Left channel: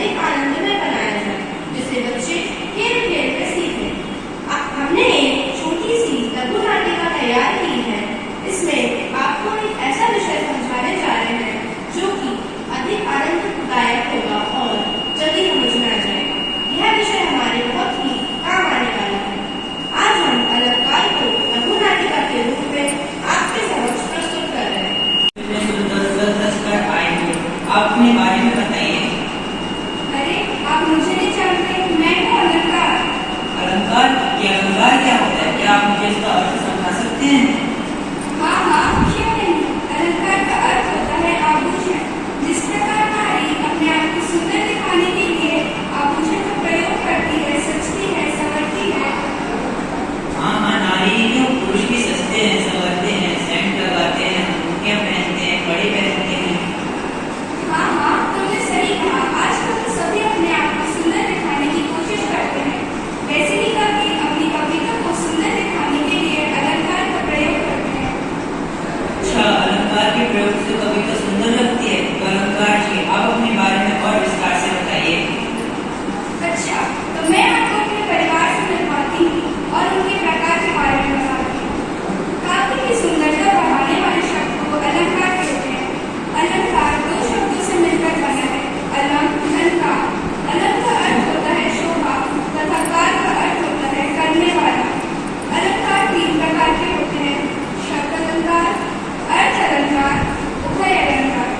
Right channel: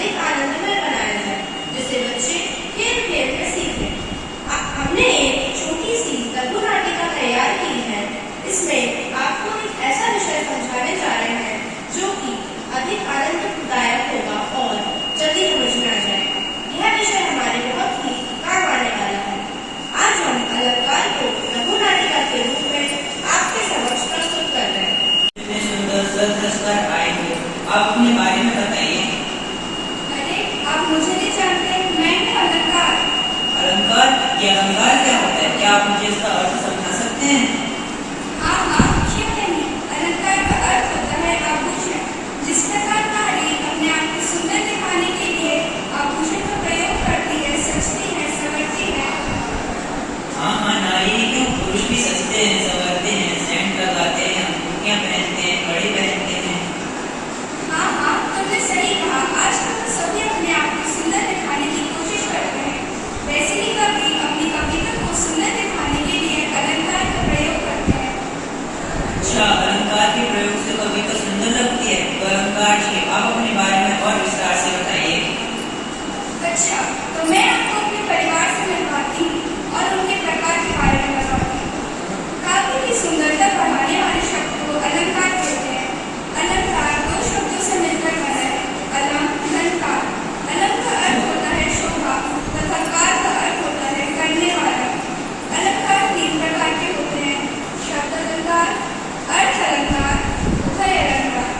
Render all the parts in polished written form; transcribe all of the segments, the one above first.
अधिक आनंदमय बनाया जाए, जिससे बच्चे खेल खेल में सीखें। हमने एक छोटी सी लघु नाटिका तैयार की है। इसमें आपको एक ऐसा विषय समझाने जा रहे हैं जो कि अधिक आनंददायक होगा और जल्दी समझ में आ जाएगा। यह विषय हमारे बहुत ही काम आने वाला है। आज हम अलंकार को लघु नाटिका के रूप में आपके समक्ष प्रस्तुत कर रहे हैं। आप अपने बारे में बताइए। अरे, आप मुझे नहीं जानते, मैं हूँ अलंकार। अलंकार? ये अलंकार क्या होता है? क्या आप मुझे इसका अर्थ समझा सकते हैं? हाँ हाँ, क्यों नहीं। अलंकार का अर्थ होता है आभूषण। जिस प्रकार नारी अपने आप को सुंदर दिखाने के लिए आभूषण का प्रयोग करती है, सजती है, संवरती है। हाँ हाँ, नारी ही क्यों, पुरुष भी सजते हैं, संवरते हैं, सेंट लगाते हैं, अंगूठियां पहनते हैं, कड़ी पहनते हैं। हाँ हाँ, तुमने सही कहा। आजकल तो सभी अपने आप को सुंदर दिखाने की कोशिश करते हैं। वैसे ही कवि अपनी कविता को सुंदर दिखाने के लिए अलंकार का प्रयोग करते हैं। अच्छा, अलंकार के प्रयोग से कविता सुंदर लगती है। तो अलंकार जी, आप अपने बारे में और विस्तार से बताइए। अच्छा, तो मैं आपको अपने परिवार से मिलवाती हूँ और उनके प्रकार के बारे में बताती हूँ। काव्य की सुंदरता बढ़ाने वाले शब्द को अलंकार कहते हैं। अलंकार दो शब्दों से मिलकर बना है, अलंकार। अलंक का अर्थ होता है शोभा तथा कार का अर्थ होता है करने वाला। अलंकार तीन प्रकार के होते हैं, शब्द अलंकार, अर्थ अलंकार, उभय अलंकार।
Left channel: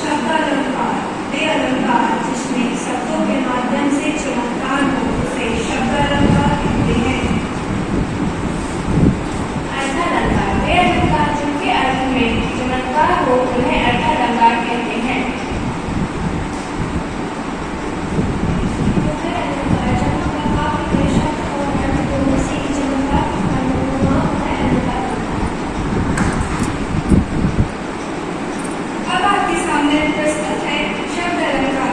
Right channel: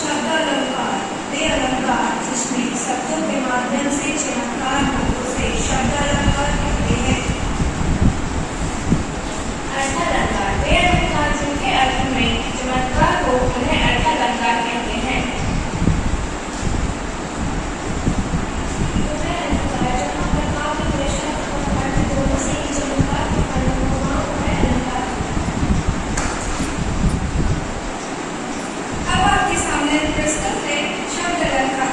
शब्द अलंकार वे अलंकार जिसमें शब्दों के माध्यम से चमत्कार हो, उसे शब्द अलंकार कहते हैं। अर्थ अलंकार वे अलंकार जिनके अर्थ में चमत्कार हो, उन्हें अर्थ अलंकार कहते हैं। उभय अलंकार जहाँ प्रभाव के शब्द और अर्थ दोनों से ही चमत्कार उत्पन्न हो, वहाँ उभय अलंकार। अब आपके सामने प्रस्तुत है शब्द अलंकार।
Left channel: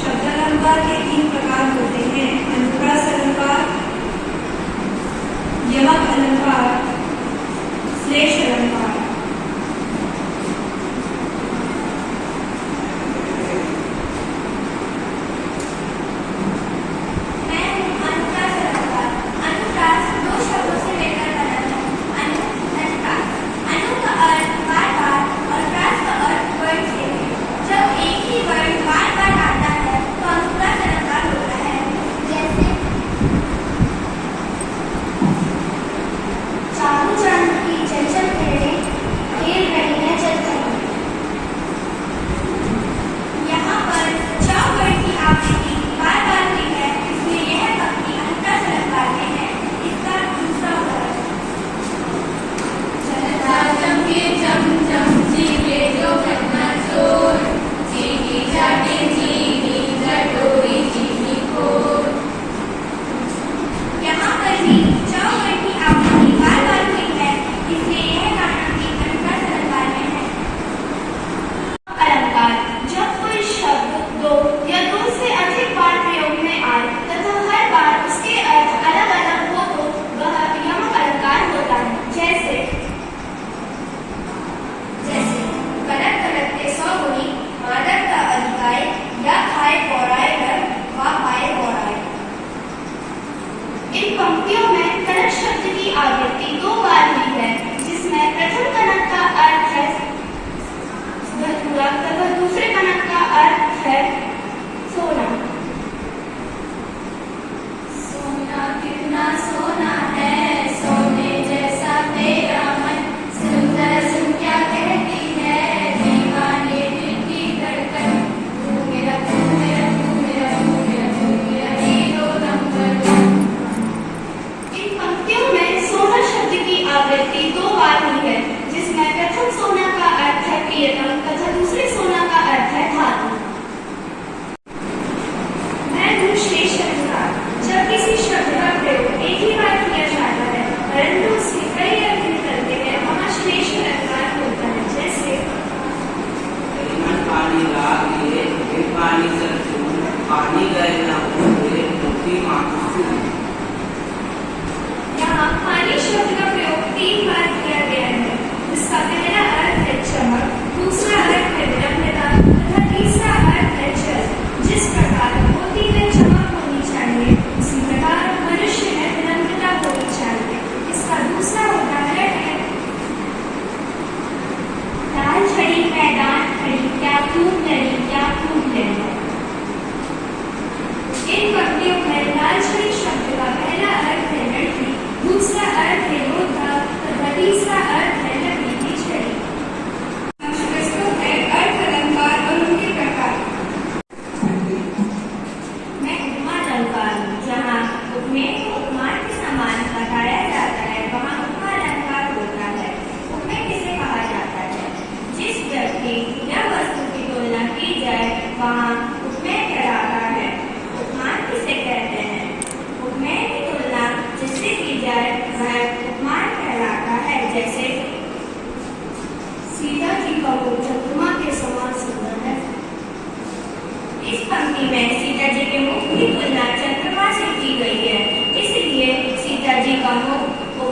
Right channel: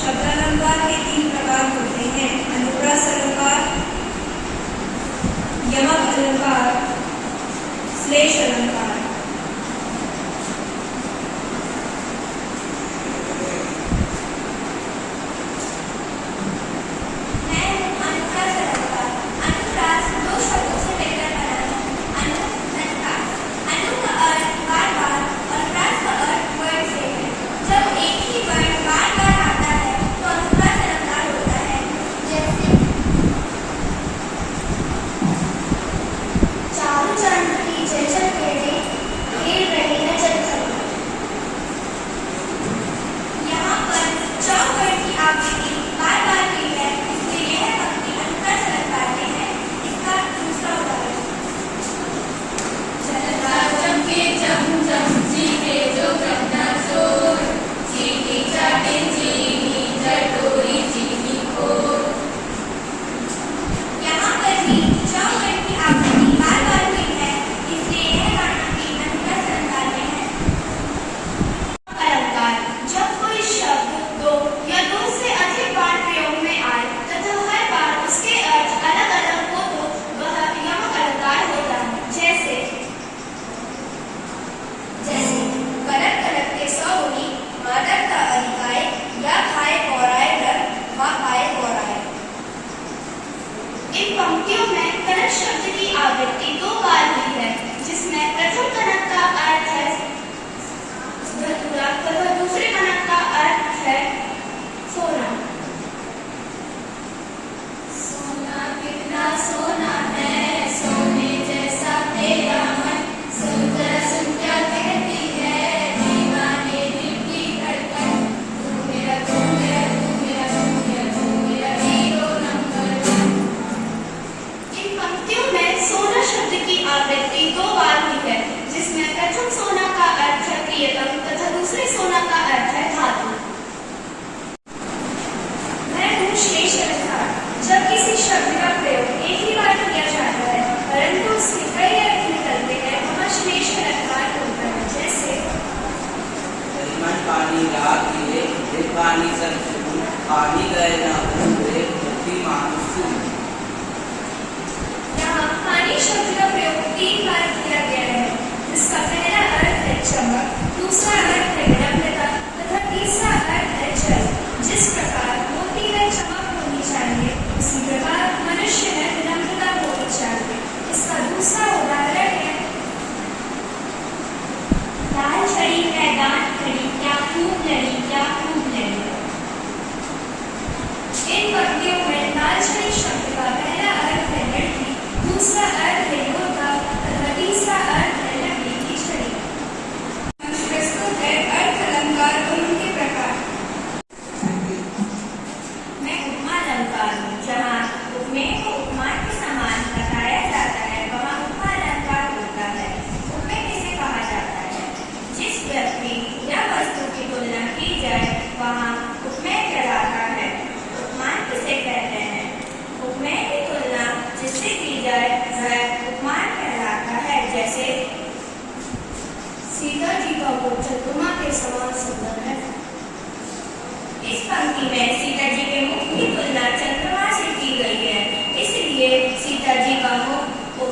शब्द अलंकार के तीन प्रकार होते हैं, अनुप्रास अलंकार, यमक अलंकार, श्लेष अलंकार। मैं हूँ अनुप्रास अलंकार। अनुप्रास दो शब्दों से लेकर बना है। अनु अलंकार, अनु का अर्थ बार बार और प्रास का अर्थ वर्ण से है। जब एक ही वर्ण बार बार आता है तो अनुप्रास अलंकार होता है। जैसे चारों चरण की चंचल किरणें खेल रही है चंचल। यहाँ पर चौकड़ की आवृत्ति बार बार हुई है, इसलिए यह पंक्ति अनुप्रास अलंकार में है। इसका दूसरा उदाहरण, चलता चमके चम चम चीखे जो घटना चोर, चीखी चाटे चीनी चटोरी चीनी खोर। यहाँ पर भी चौकड़ की आवृत्ति बार बार हुई है, इसलिए यह गाना भी अनुप्रास अलंकार में है। अलंकार जब कोई शब्द दो या दो से अधिक बार प्रयोग में आए तथा हर बार उसके अर्थ अलग अलग हो तो वह यमक अलंकार होता है। जैसे कनक कनकते सौगुनी, मादक का अधिकाय, या खाए पौराय डर, वा खाए पौराय। इन पंक्तियों में कनक शब्द की आवृत्ति दो बार हुई है, जिसमें प्रथम कनक का अर्थ है धतूरा तथा दूसरे कनक का अर्थ है सोना। सोना कितना सोना है, सोने जैसा तेरा मन, सुंदर सुन क्या कहती है, दीवाने दिल की धड़कन, तू मेरा तू मेरा तू मेरा तू मेरा तू मेरा हीरो नंबर वन। इन पंक्तियों में सोना शब्द की आवृत्ति दो बार हुई है, जिसमें प्रथम सोना का अर्थ है प्रियतम तथा दूसरे सोना का अर्थ है धातु। मैं हूँ श्लेष अलंकार। जब किसी शब्द का प्रयोग एक ही बार किया जाता है परंतु उसके कई अर्थ निकलते हैं, वहाँ श्लेष अलंकार होता है। जैसे पानी राग दिए, पानी सरसू, पानी गए ना हुए, धोती मांगू। यहाँ पानी शब्द का प्रयोग तीन बार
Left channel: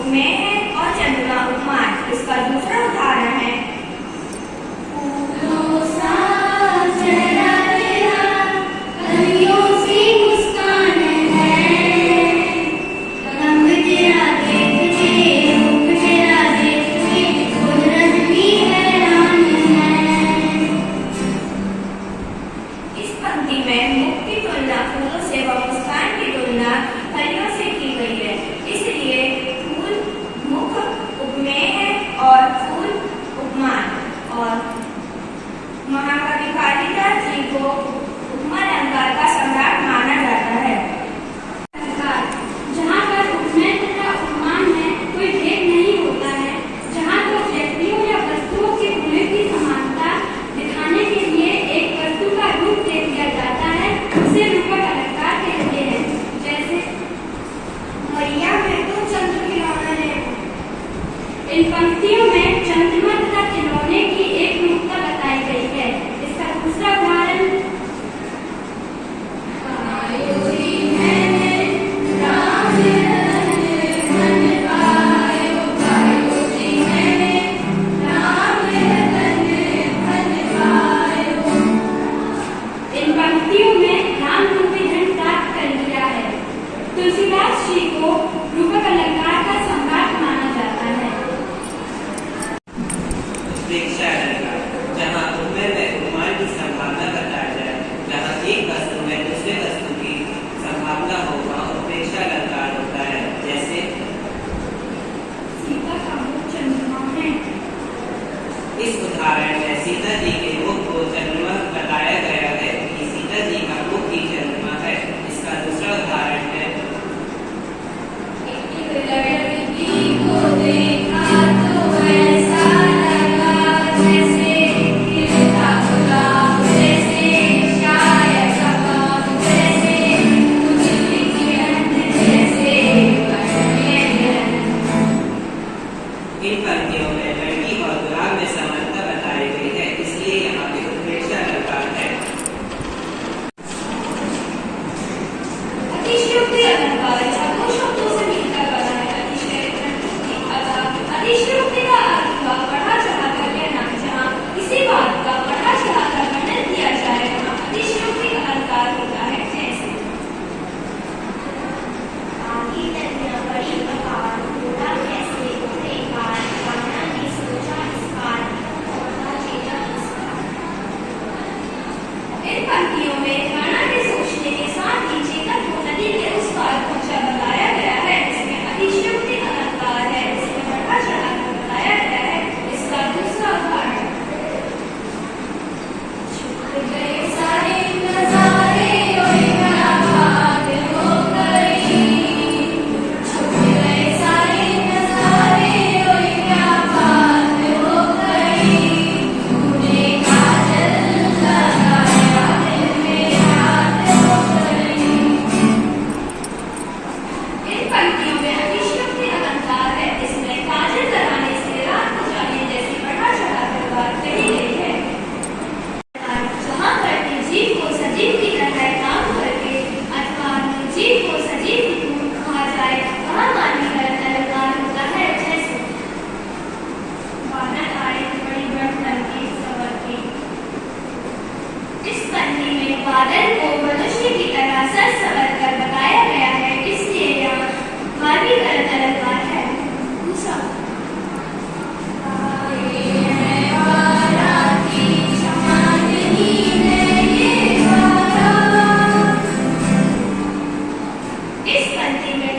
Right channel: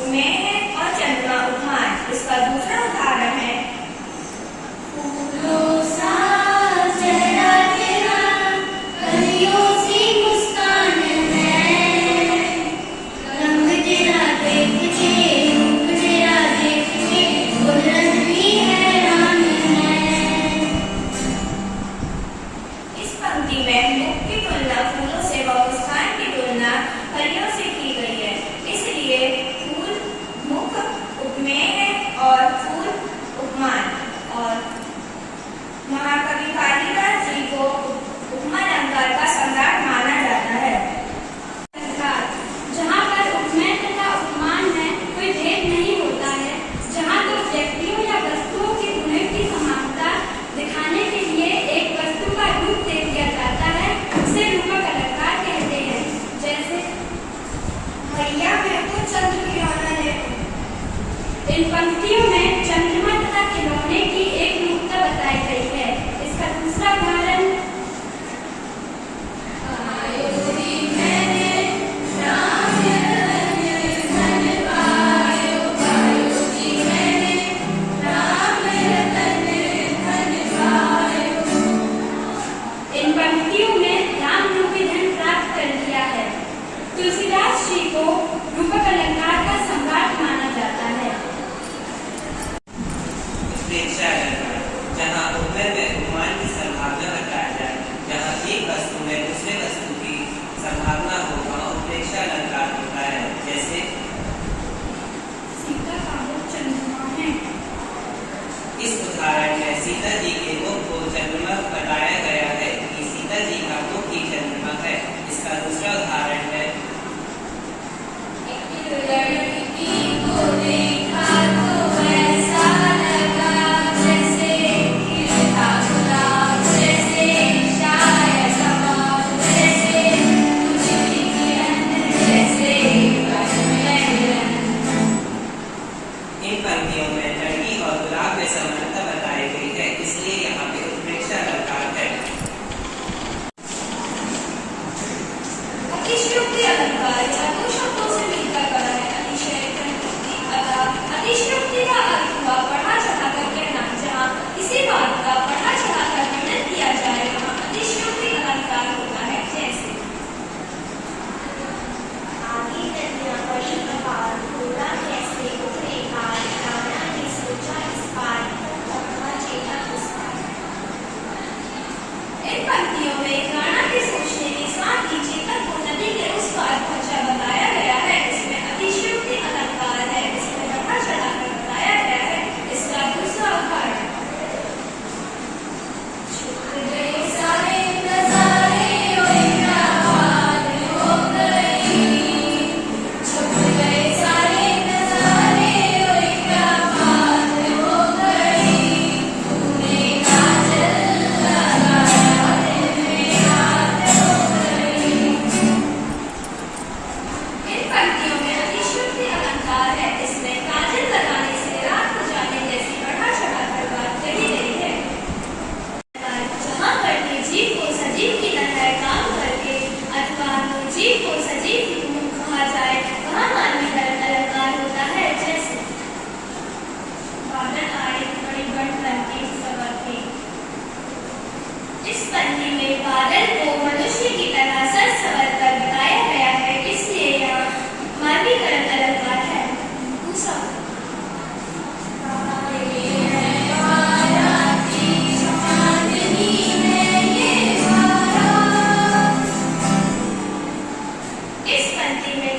उपमेय है और चंद्रमा उपमान। इसका दूसरा उदाहरण है फूलों सा चेहरा तेरा, कलियों सी मुस्कान है, रंग तेरा देख के, रूप तेरा देख के, कुदरत भी हैरान है। इस पंक्ति में मुख की तुलना फूलों से व मुस्कान की तुलना कलियों से की गई है, इसलिए फूल मुख उपमेय है और फूल उपमान। और महाकवि कालिदास जी को उपमा अलंकार का सम्राट माना जाता है। जहाँ पर उपमेय तथा उपमान में कोई भेद नहीं होता है, जहाँ दो व्यक्तियों या वस्तुओं के गुणों की समानता दिखाने के लिए एक वस्तु का रूप दे दिया जाता है, उसे रूपक अलंकार कहते हैं। जैसे भैया मैं तो चंद्र खिलौना है। इन पंक्तियों में चंद्रमा तथा खिलौने की एक रूपता बताई गई है। इसका दूसरा उदाहरण इन पंक्तियों में राम रूपी धन प्राप्त कर लिया है। तुलसीदास जी को रूपक अलंकार का सम्राट माना जाता है। उत्प्रेक्षा अलंकार, जहाँ उपमेय व उपमान की संभावना बताया जाए, जहाँ एक वस्तु में दूसरे वस्तु की संभावना हो, वहाँ उत्प्रेक्षा अलंकार होता है। जैसे सीता का मुख चंद्रमा है। इस उदाहरण में सीता जी के मुख को चंद्रमा बताया गया है कि सीता जी का मुख ही चंद्रमा है। इसका दूसरा उदाहरण है एक लड़की को देखा तो वैसा लगा जैसे खिलता गुलाब, जैसे शायद कमल, जैसे तुझकी किरण, जैसे बदन। इन पंक्तियों में लड़की और गुलाब में समानता बताई गई है, इसलिए यहाँ पे उत्प्रेक्षा अलंकार है। अतिशयोक्ति अलंकार दो शब्दों से मिलकर बना है। अतिशयोक्ति का अर्थ हुआ बढ़ा चढ़ा कर कहना। जहाँ किसी बात का बढ़ा चढ़ा कर वर्णन किया जाए, वहाँ अतिशयोक्ति अलंकार होता है। जैसे आगे तनिया बड़ी बहार, घोड़ा कैसे उड़े कार, राणा ने सोचा इस पार, पहुंचा चेता उस पार। इन पंक्तियों में राणा के सोचने के साथ ही चेतक को नदी के उस पार पहुंचा बताया गया है। इसमें अतिशयोक्ति अलंकार है, इसमें बढ़ा चढ़ा कर बताया गया है। इसका दूसरा उदाहरण छूट गए सारे नजारे, ओए क्या बात हो गई। छूट गए सारे नजारे, ओए क्या बात हो गई। तूने काजल लगाया दिल में रात हो गई। इन पंक्तियों में अतिशयोक्ति अलंकार है, इसमें काजल लगाने से रात हो जाने जैसी बढ़ा चढ़ा कर बात कही गई है। जहाँ करते जीव को सजीव की तरह काम करके अथवा जीव को सजीव कहा जाए, वहाँ मानवी धर्म अलंकार होता है। जैसे बादल आए बड़ी बढ़ के सबर के। इस पंक्ति में बादल को मनुष्य की तरह सर संवर कर बताया गया है, इसलिए यहाँ मानवी धर्म अलंकार है। दूसरा इस पंक्ति में